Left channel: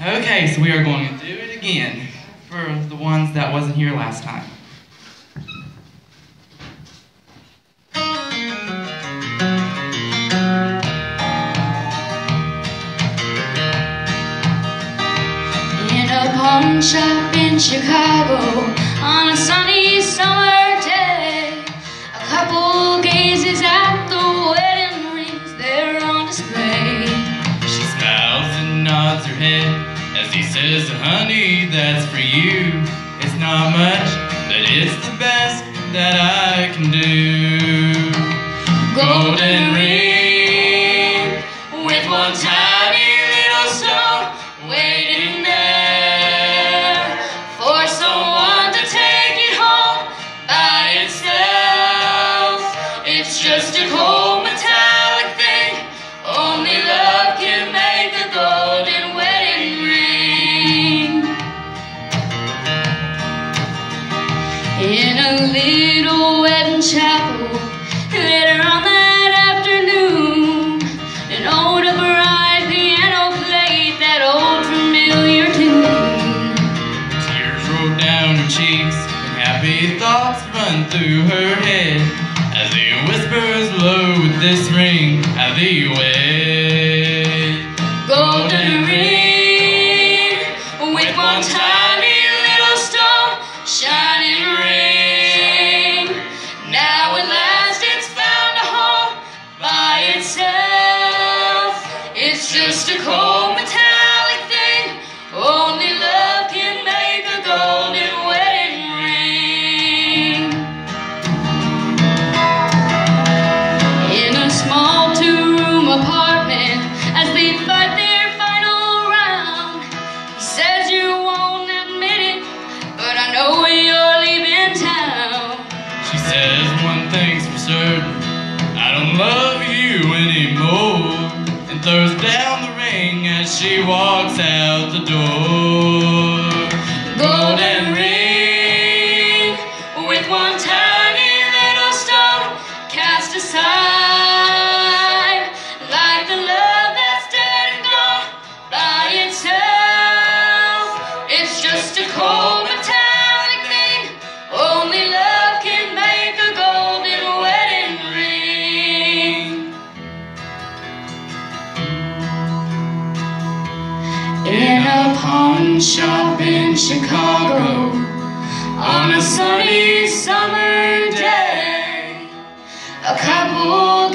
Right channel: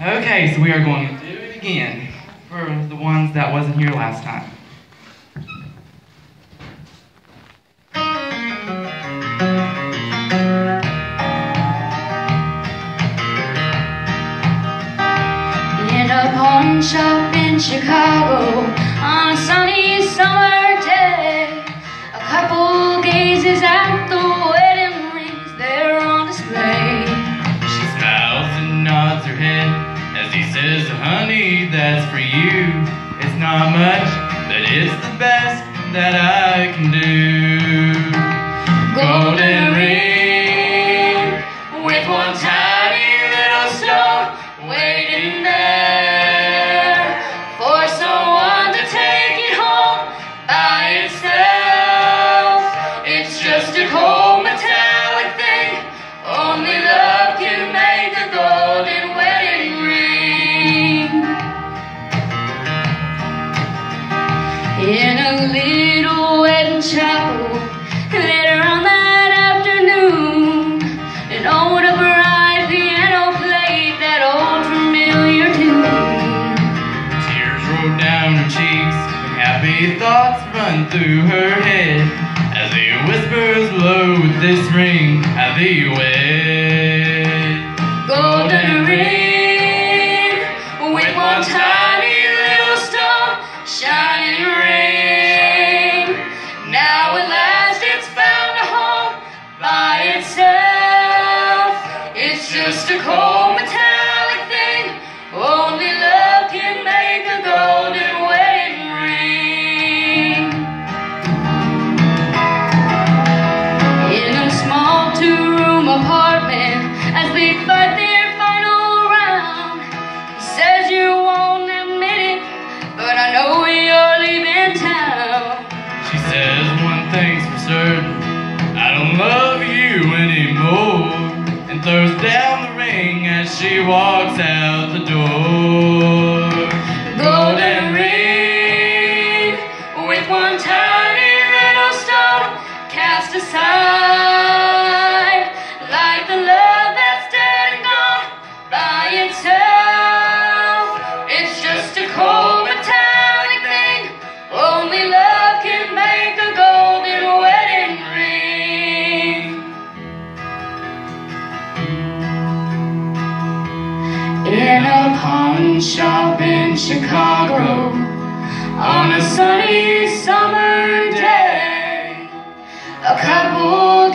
Okay, so we are going to do it again for the ones that wasn't here last time. In a pawn shop in Chicago on a sunny summer day, a couple gazes at the wedding rings there on display. She smiles and nods her head as he says, honey, that's for you. It's not much, but it's the best that I can do. Golden ring with one tiny little stone waiting there for someone to take it home by itself. It's just a cold metallic thing, only love can make a golden wedding ring. In a little wedding chapel later on that afternoon, an old upright piano played that old familiar tune. Tears rolled down her cheeks and happy thoughts run through her head as he whispers low with this ring I thee wed. Golden ring with one tiny little stone shining ring. Now at last it's found a home by itself. It's just a cold metallic thing, only love can make a golden wedding ring. In a small two-room apartment as they fight their final round, he says you won't admit it, but I know you're leaving town. She says one thing's for certain, I don't love you anymore, and throws down the ring as she walks out the door. Golden ring with one tiny little stone cast aside, like the love that's dead and gone by itself. It's just a cold metallic thing, only love can make a golden wedding ring. In a pawn shop in Chicago on a sunny summer day, a couple